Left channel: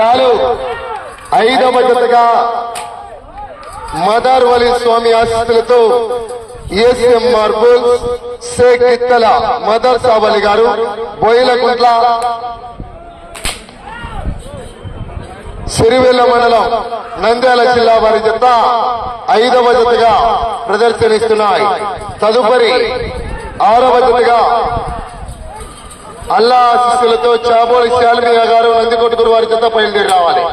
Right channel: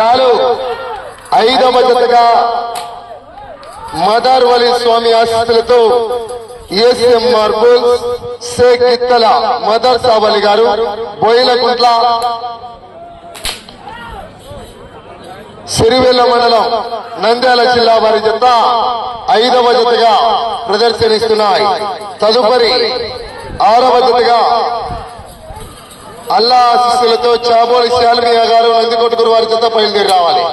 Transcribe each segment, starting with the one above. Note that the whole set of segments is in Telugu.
డ్రాలు 5వ జతగా మదార్ వలి స్వామి ఆశీస్సులతో ఏసీఎం మార్బుల్స్ షేక్ గిత్తల మదర్ సావలి గారు బోయిలకుంట్ల సిరివెల్ల మండలం నంద్యాల జిల్లా వారి జత 5వ జతగా ప్రదర్శనిస్తున్నాయి. తదుపరి 6వ జతగా అల్లా ఆశీస్సులతో చాబోలి శాల్మియా గారు నందికొట్కూరు వారి జత బయలుదేరి రావాలి.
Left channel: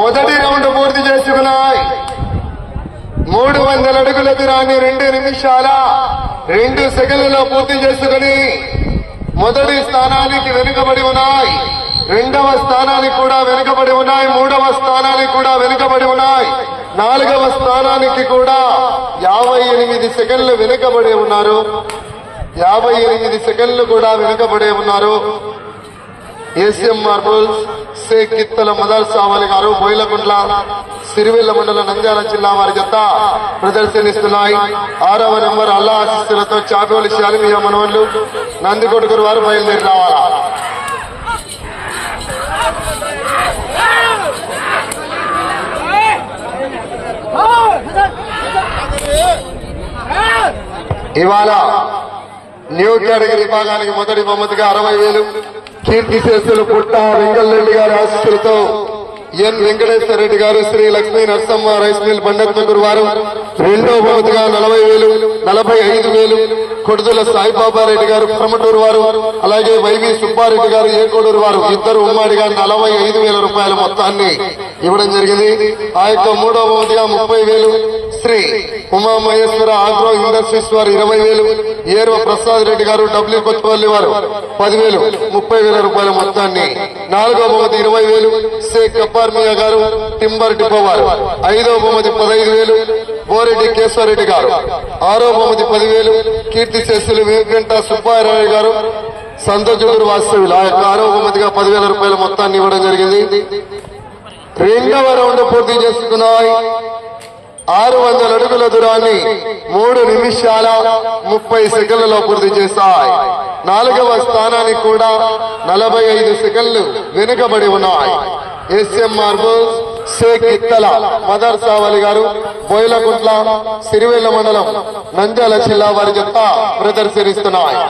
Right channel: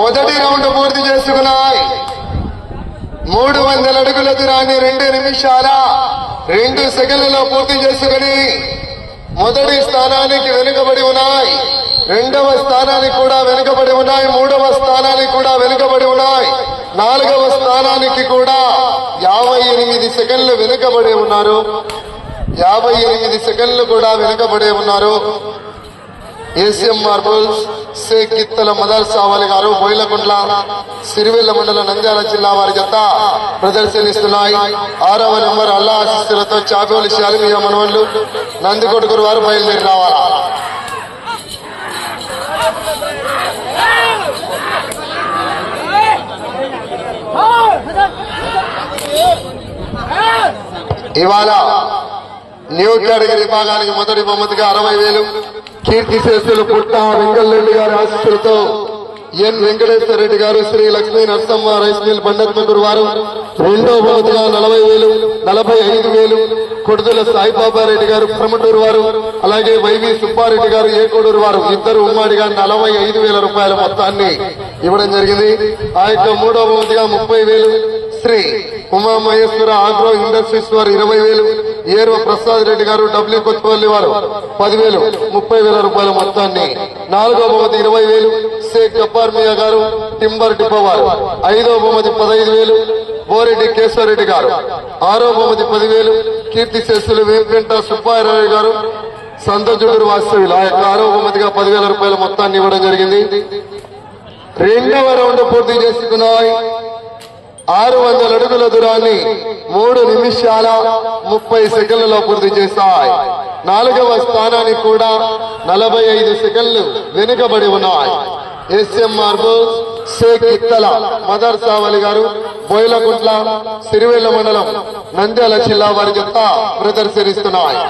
మొదటి రౌండ్ పూర్తి చేసుకున్నాయి. 300 అడుగుల దూరాన్ని 2 నిమిషాల 2 సెకండ్లలో పూర్తి చేసుకుని మొదటి స్థానానికి వెనుకబడి ఉన్నాయి. 2వ స్థానానికి కూడా వెనుకబడి ఉన్నాయి. 3వ స్థానానికి కూడా వెనుకబడి ఉన్నాయి. 4వ స్థానానికి కూడా 58 సెకండ్లు వెనుకబడి ఉన్నారు. 58 సెకండ్లు కూడా వెనుకబడి ఉన్నారు. ఏసీఎం మార్బుల్స్ షేక్ గిత్తల మదర్ సావలి గారు బోయిలకుంట్ల సిరివెల్ల మండలం నంద్యాల జిల్లా వారి జత ప్రదర్శనిస్తున్నాయి. 6వ నెంబర్ అల్లా ఆశీస్సులతో చాబోలి శాలిమియా మనవళ్లు నందికొట్కూరు వారు బయలుదేరి రావాలి. ఇవాళ న్యూ కేటగిరీ విభాగానికి మొదటి బహుమతిగా 60,000 కీర్తి శేషులు పుట్ట వెంకటరెడ్డి గారి ఆశీస్సులతో ఎన్ వెంకటేశ్వర రెడ్డి గారు శ్రీ లక్ష్మీ నరసమ్మ రైస్ మిల్ బండత్మకూరు వారు. 2వ బహుమతిగా 40,000 45,000 కొడుతుల సాయిబాబా రెడ్డి గారు ప్రమటూరు వారు, అలాగే వైవి సుబ్బారెడ్డి గారు ఏకోడూరు వారు ఇద్దరు ఉమ్మడిగా 45,000 రూపాయల మొత్తాన్ని ఇవ్వడం జరిగింది. ఆ యొక్క 3వ బహుమతిగా 30,000 శ్రీ ఉమామహేశ్వర ఆగ్రో ఇండస్ట్రీస్ వారు 20,000, ఏర్వ ప్రసాద్ రెడ్డి గారు డబ్ల్యూ కొత్తపల్లి వారు 10,000 30,000 రూపాయల మొత్తాన్ని. 4వ బహుమతి 20,000 షేక్ కపార్మియా గారు టింబర్ డిపో వారు. 5వ బహుమతి 15,000 బోరెడ్డి కేశవరెడ్డి గారు. 6వ బహుమతి 10,000 కీర్తి శేషులు వెంకట సుబ్బారావు గారు సంతోషుడు వాస్తవులు. ఆ యొక్క 6వ బహుమతిగా 10,000 రూపాయల మొత్తాన్ని ఇవ్వడం జరిగింది. 2వ రౌండ్ పూర్తి చేసుకున్నాయి. 600 అడుగుల దూరాన్ని 3 నిమిషాల 30 సెకండ్లలో పూర్తి చేశాయి. 4వ స్థానానికి కూడా 45 సెకండ్లు వెనుకబడి ఉన్నాయి. ఏసీఎం మార్బుల్స్ షేక్ గిత్తల మదర్ సావలి గారు బోయిలకుంట్ల సిరివెల్ల మండలం నంద్యాల జిల్లా వారి జత ప్రదర్శనిస్తున్నాయి.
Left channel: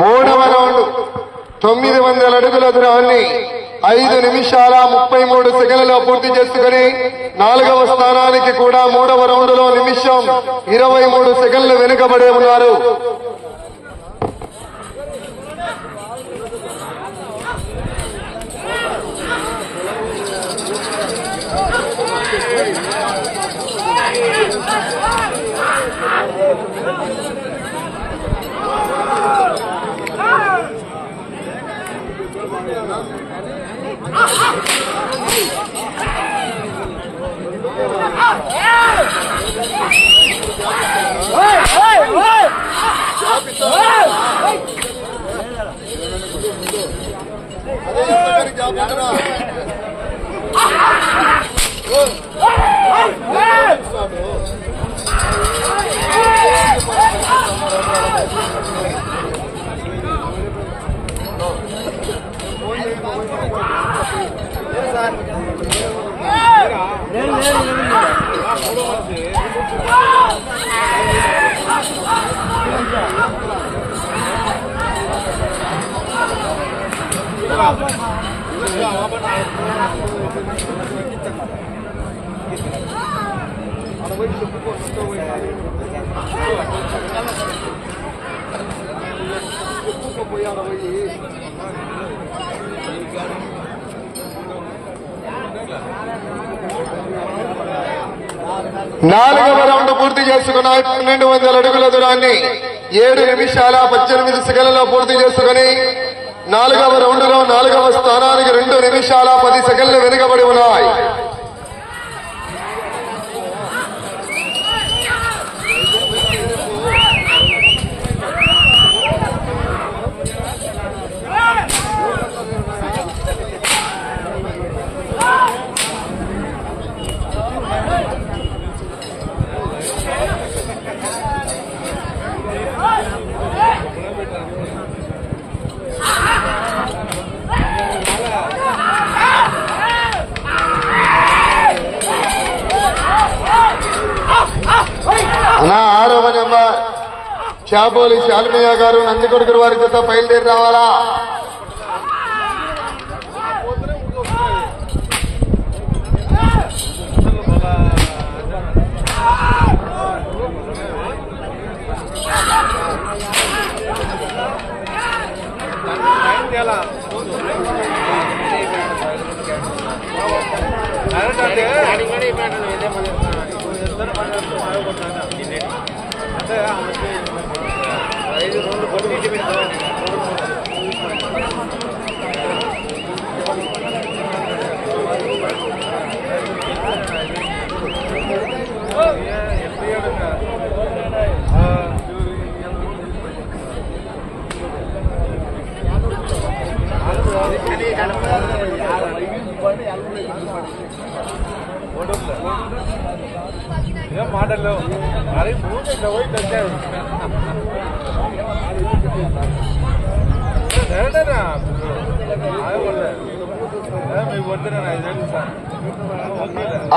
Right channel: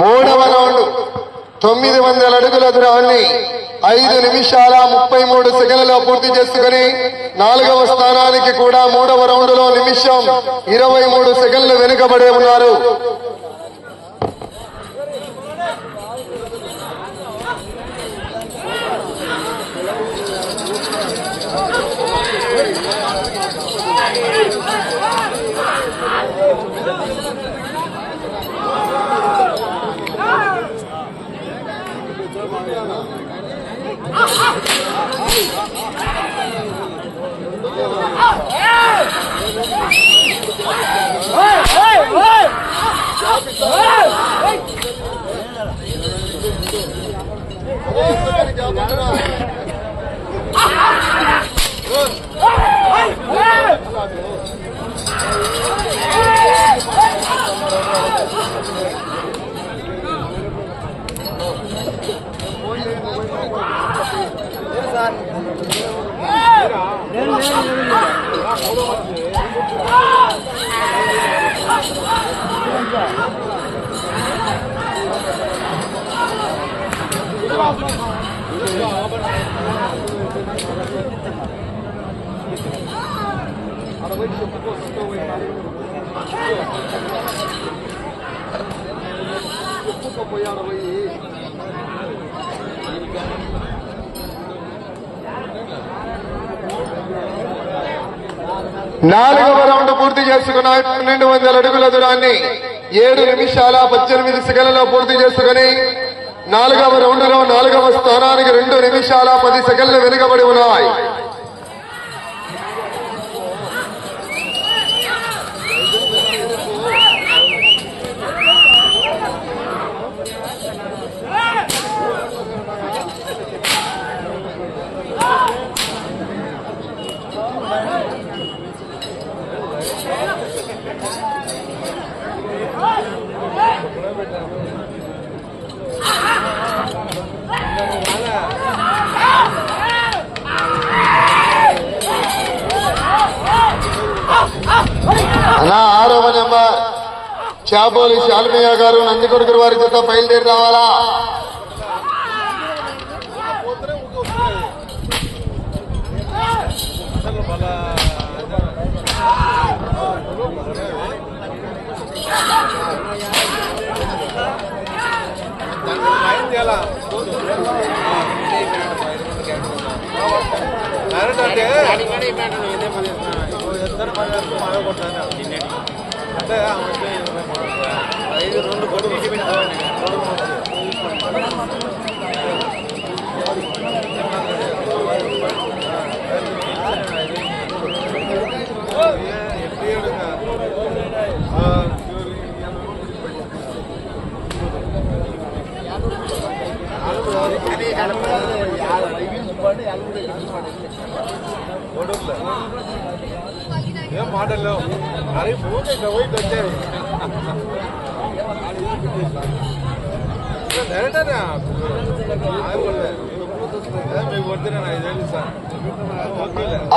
మూడవ రౌండ్ 900 అడుగుల దూరాన్ని 5 నిమిషాల 33 సెకండ్లలో పూర్తి చేసుకుని 4వ స్థానానికి కూడా 3వ రౌండ్ లో నిమిషం 23 సెకండ్లు వెనుకబడి ఉన్నారు. నాలుగవ రౌండ్ పూర్తి చేసుకున్న 1200 అడుగుల దూరాన్ని 7 నిమిషాల 18 సెకండ్లలో పూర్తి చేసుకుని 4వ రౌండ్ లో 4వ స్థానానికి 2 నిమిషాల 10 సెకండ్లు వెనుకబడి ఉన్నాయి. అలా 6వ నెంబర్ చాపోలి శాల్మయ్య గారు నందికొడుకురు వారి చేత బయలుదేరి రావాలా.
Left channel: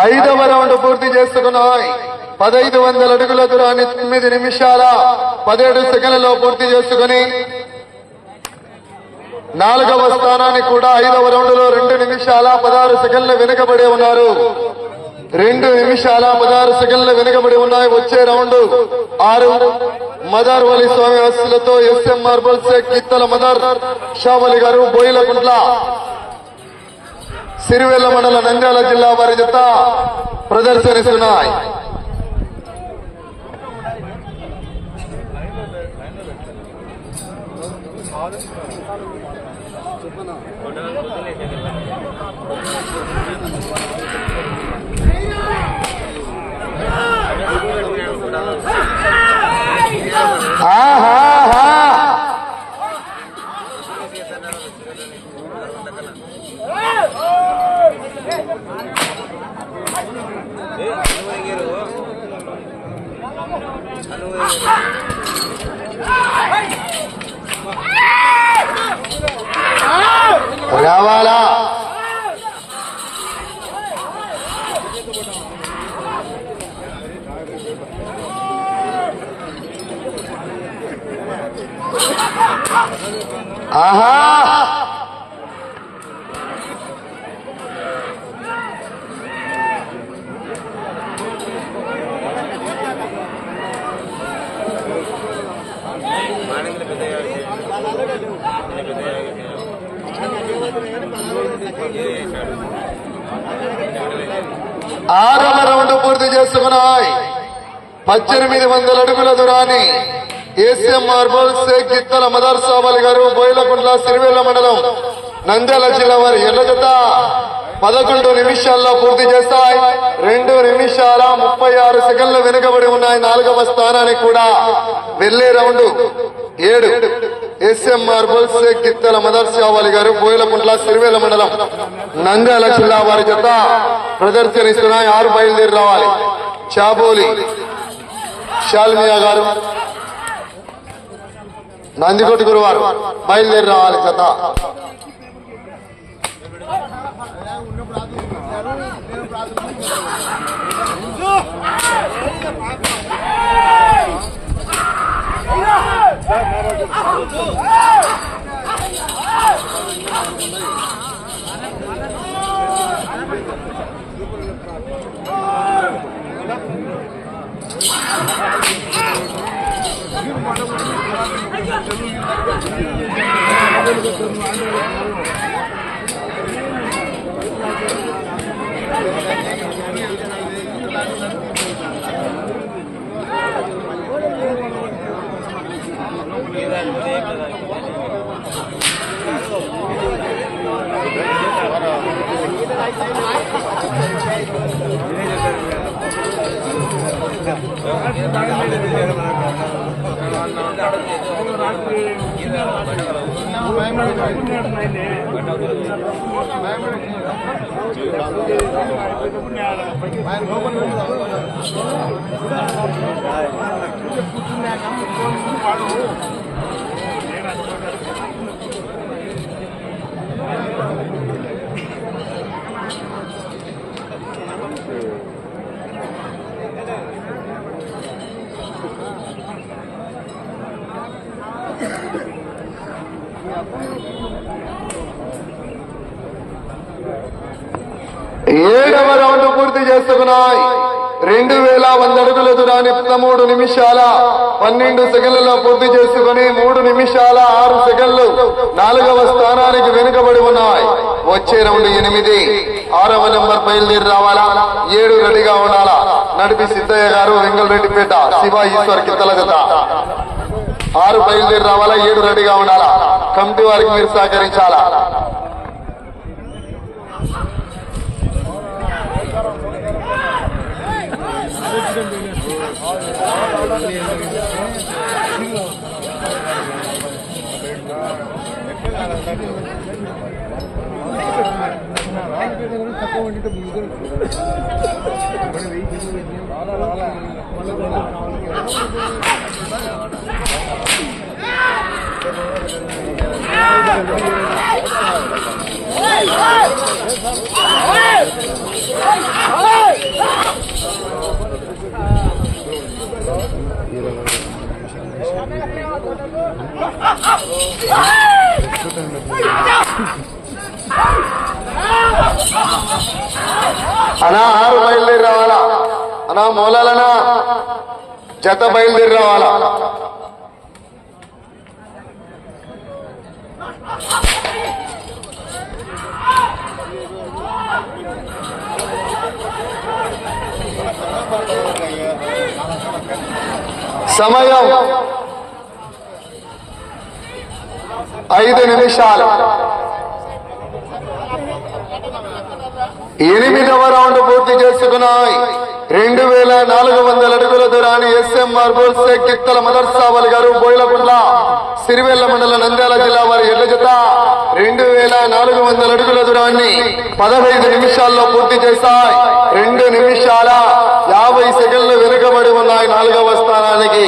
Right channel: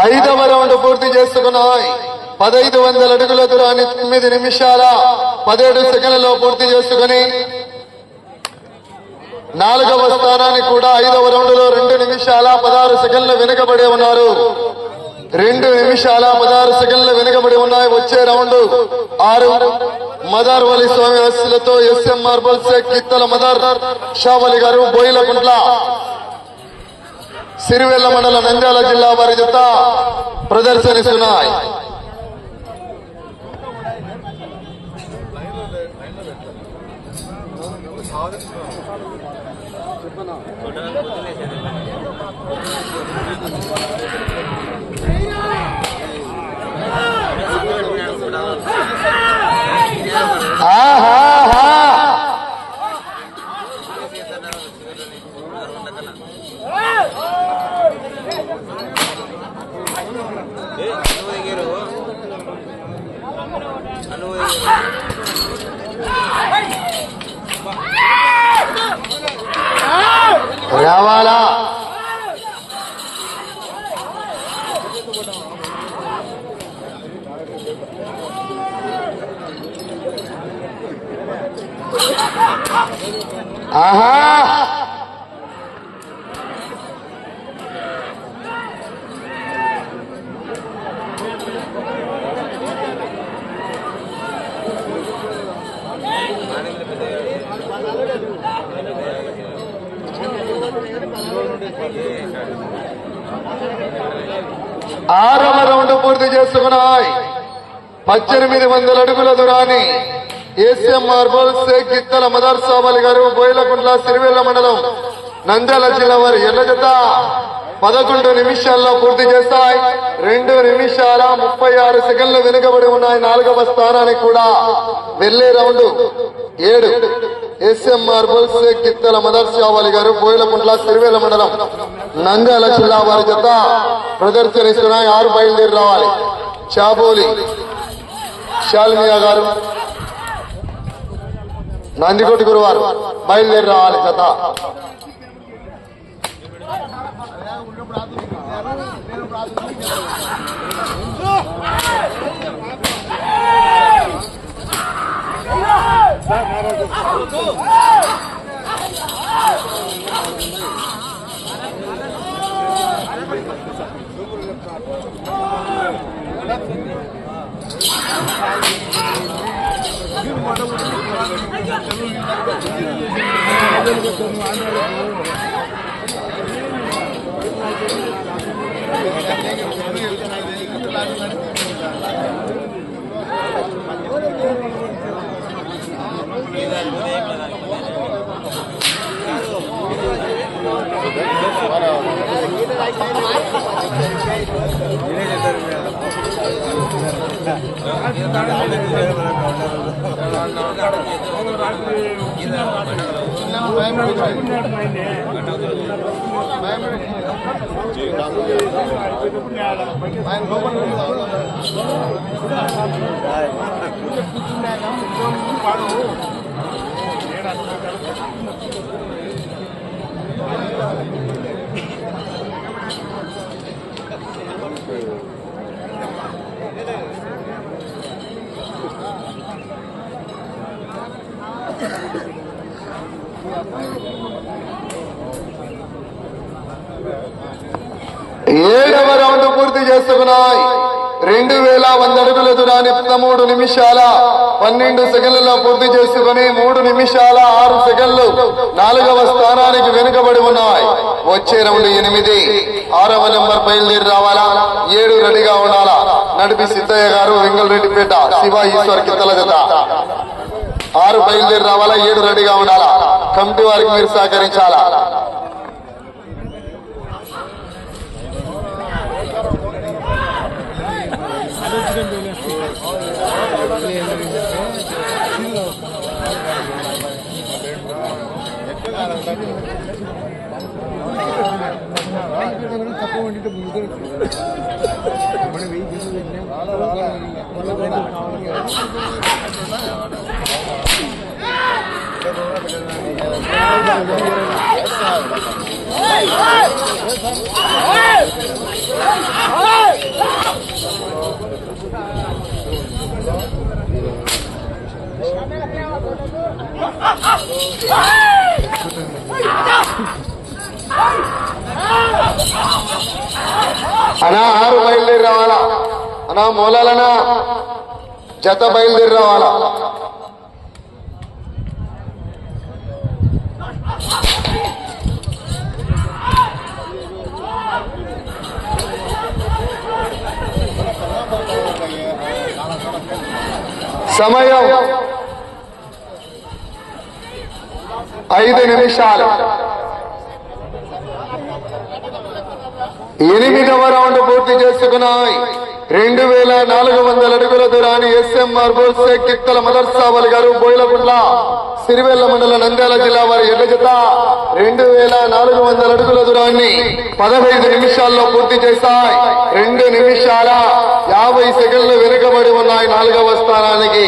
ఐదవ రౌండ్ పూర్తి చేసుకున్నాయి. 1500 అడుగుల దూరాన్ని 9 నిమిషాల 17 సెకండ్లలో పూర్తి చేసుకుని 4వ స్థానానికి కూడా 5వ రౌండ్ లో 2 నిమిషాల 16 సెకండ్లు వెనుకబడి ఉన్నారు. 2 నిమిషాల 16 సెకండ్లు వెనుకబడి ఉన్నాయి. వచ్చే రౌండ్ 6 మదర్ వలి స్వామి ఆశీస్సులతో ఎస్ఎం మార్బల్ షేక్ కిత్తల మదర్ షావలి గారు బోయిలకుంట్ల సిరివెల్ల మండల నంద్యాల జిల్లా వారి జత ప్రదర్శనిస్తున్నాయి. రావాలా ఆహా ఆరవ రౌండ్ పూర్తి చేసుకున్నాయి. 1800 అడుగుల దూరాన్ని ఏసీఎం మార్బల్స్ గిత్తల మదర్సాబలి గారు బోయిలకుంట్ల సిరివేల మండలం నంద్యాల జిల్లా వారి ఎర్ర జత 11 నిమిషాల్లో పూర్తి చేస్తాయి. 2 నిమిషాల 36 సెకండ్లు వెనుకబడి ఉన్నాయి. 4వ స్థానానికి కూడా వెళ్లే రౌండ్ 7 ఏసీఎం మార్బల్స్ గిత్తల మదర్సాబలి గారు బోయిలకుంట్ల సిరివేల మండలం నంద్యాల జిల్లా వారి జత ప్రదర్శనిస్తున్నాయి. 6 బయలుదేరి రావాలి. చాబోలి షాల్మియా గారు నందికోటి గురువారు బయలుదేరి రావాలి. జత ఏడవ రౌండ్ పూర్తి చేసుకున్నాయి. 2100 అడుగుల దూరాన్ని 13 నిమిషాల 12 సెకండ్లలో పూర్తి చేసుకుని 3 నిమిషాల 6 సెకండ్లు 4వ స్థానానికి వెనుకబడి ఉన్నాయి. వచ్చే రౌండ్ 8. 6వ నెంబర్ బయలుదేరి రావాలా. 7 రెడీగా ఉండాలా. నడిపి సిద్ధయ్య గారు వెంగళరెడ్డిపేట శివ ఈశ్వర్ కిత్తల జత 6 బయలుదేరి రావాలా. 7 రెడీగా ఉండాలా. కమిటీ వారికి మీరు సహకరించాలా. అనా 6 బయలుదేరి రావాలా. అనా మూలాలనా జత బయలుదేరి రావాలా. సమయం 5 నిమిషాలు. 8వ రౌండ్ పూర్తి చేసుకున్నాయి. 2400 అడుగుల దూరాన్ని ఎస్ఎం మార్బల్స్ గిత్తల మదర్సాబలి గారు బోయిలకుంట్ల సిరివెల్ల మండలం నంద్యాల జిల్లా వారి ఎడ్ల జత 2400 అడుగుల దూరాన్ని 15 నిమిషాల్లో పూర్తి చేస్తాయి. 2 నిమిషాల 50 సెకండ్లు వెనుకబడి ఉన్నాయి. 4వ స్థానానికి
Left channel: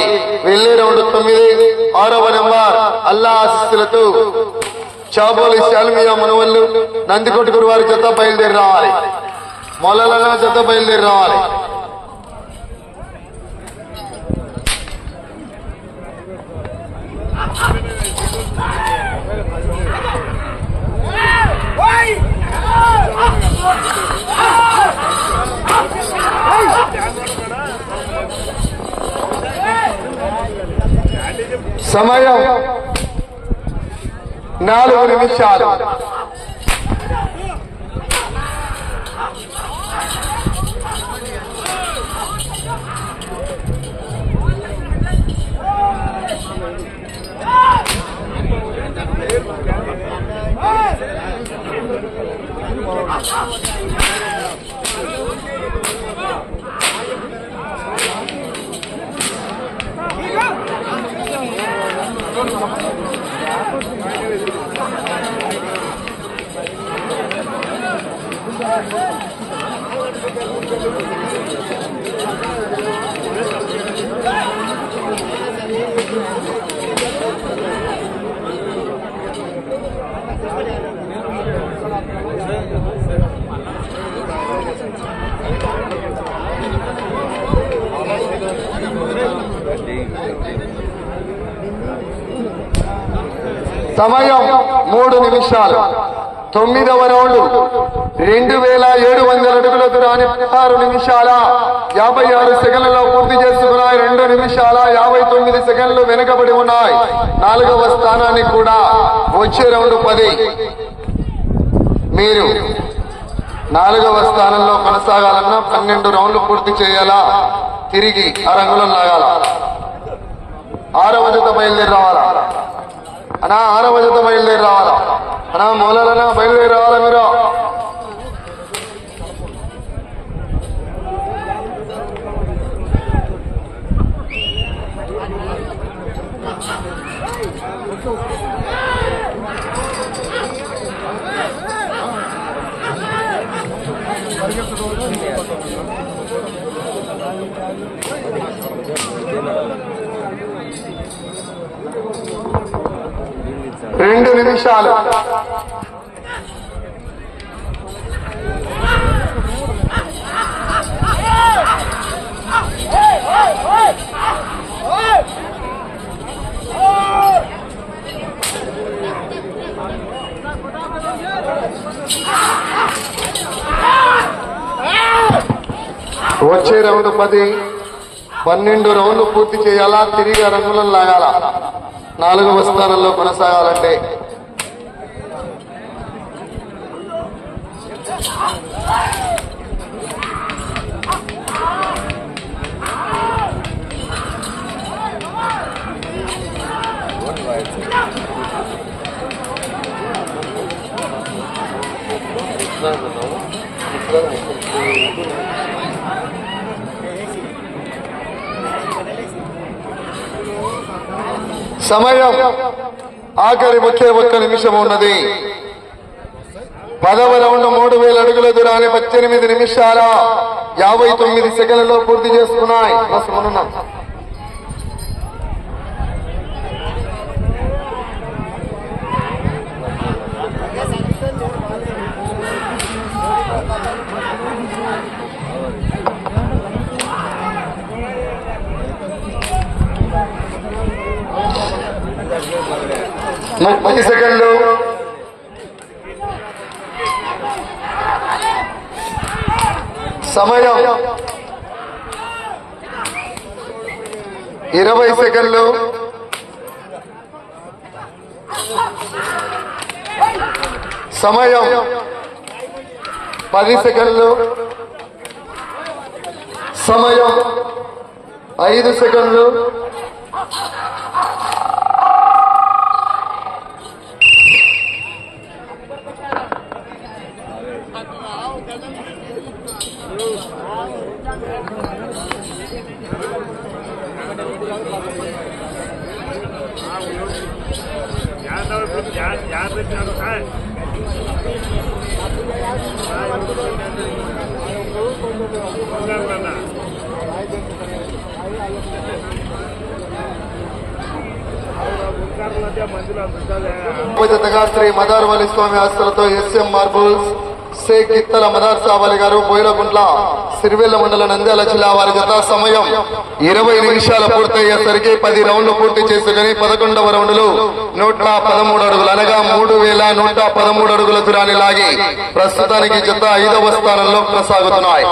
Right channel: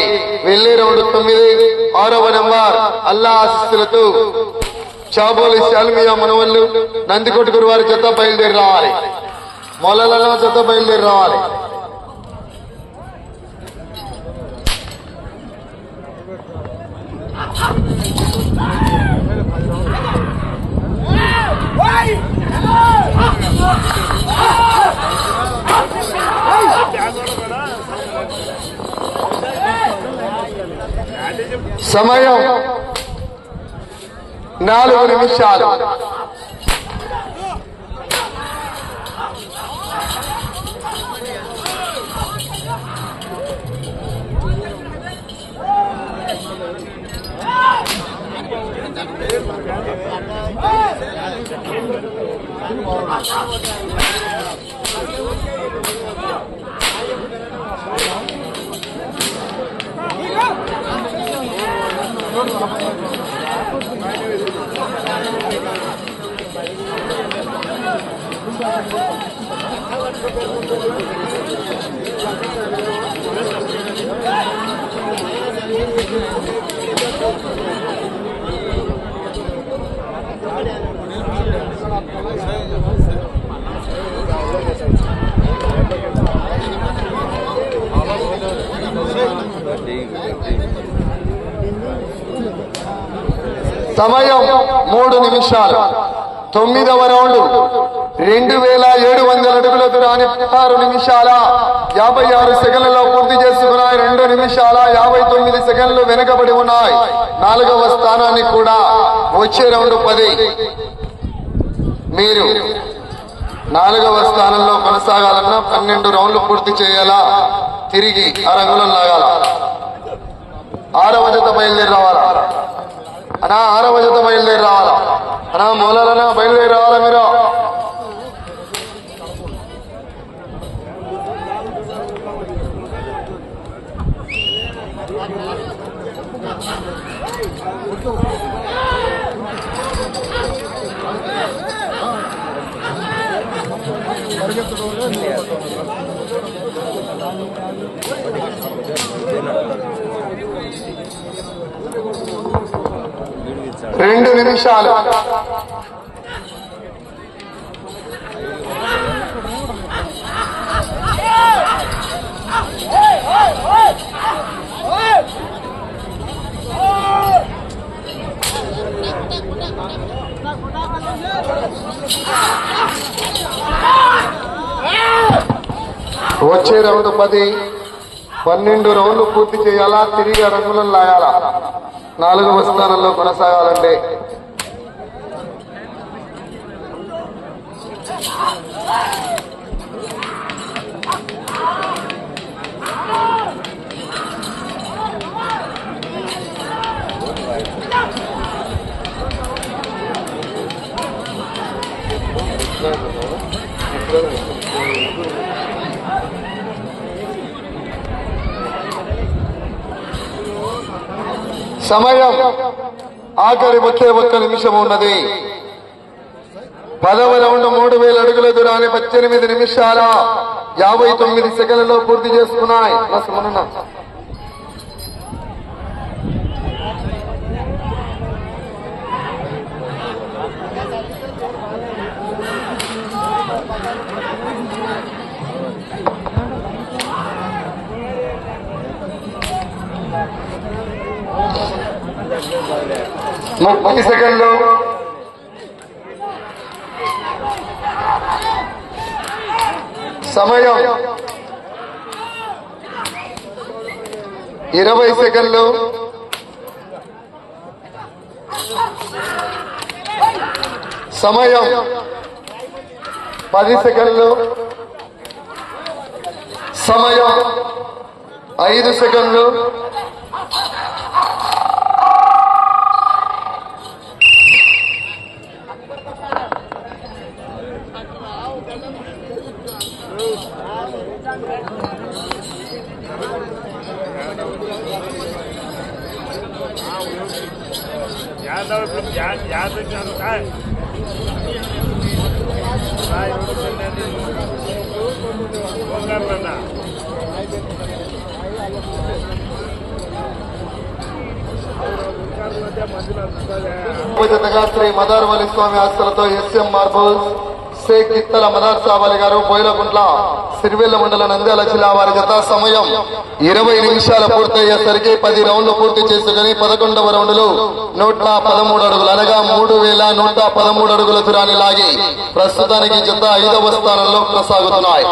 వెళ్లే రౌండ్ 9. 6వ నెంబర్ అల్లా ఆశీస్సులతో చాబోలి శాల్మియా మనవల్లు నందికొట్టు గురువారి జత బయలుదేరి రావాలి. మొలల జత బయలుదేరి రావాలి. సమయం 4 నిమిషాలు. సమయం 3 నిమిషాలు. 9వ రౌండ్ 2700 అడుగుల దూరాన్ని 16 నిమిషాల 56 సెకండ్లలో పూర్తి చేసుకున్నాయి. 2 నిమిషాల 59 సెకండ్లు వెనుకబడి ఉన్నాయి. 4వ స్థానాన్ని కూడా వచ్చే రౌండ్ 10. మీరు 4వ స్థానంలో కొనసాగాలన్నా 12 రౌండ్లు పూర్తి చేయాలా, తిరిగి 6 అంగుళం లాగాల. 6వ జత బయలుదేరి రావాలా అన్నా, 6వ జత బయలుదేరి రావాలా అన్నా, మూలాలన్నా బయలుదేరి రావాలా మీరు. రెండు నిమిషాలు. వచ్చే రౌండ్ 10. 12 రౌండ్లు పూర్తి చేయాలా, తిరిగి 6 అంగుళం లాగాల. 4వ స్థానంలో కొనసాగాలంటే సమయం ఆఖరి 31 నిమిషం ఉన్నది. 10వ రౌండ్ 3000 అడుగుల దూరాన్ని 18 నిమిషాల 59 సెకండ్లలో పూర్తి చేసుకున్నాయి. పది సెకండ్లు. సమయం 20 సెకండ్లు. సమయం 10 సెకండ్లు. సమయం 5 సెకండ్లు. జతగా శ్రీ మదార్వలి స్వామి ఆస్తులతో ఎస్ఎం మార్బుల్స్ షేక్ ఇత్తల మదార్ సావాలి గారు, బోయిలగుంట్ల సిరివెల్ల మండల నంద్యాల జిల్లా వారి జత. సమయం 20 నిమిషాలు పూర్తయ్యేసరికి 10 రౌండ్లు పూర్తి చేసుకుని 11వ రౌండ్లు 113 అడుగులు అనగా 3113 అడుగుల దూరాన్ని లాగి ప్రస్తుతానికి జత 5వ స్థానంలో కొనసాగుతున్నాయి.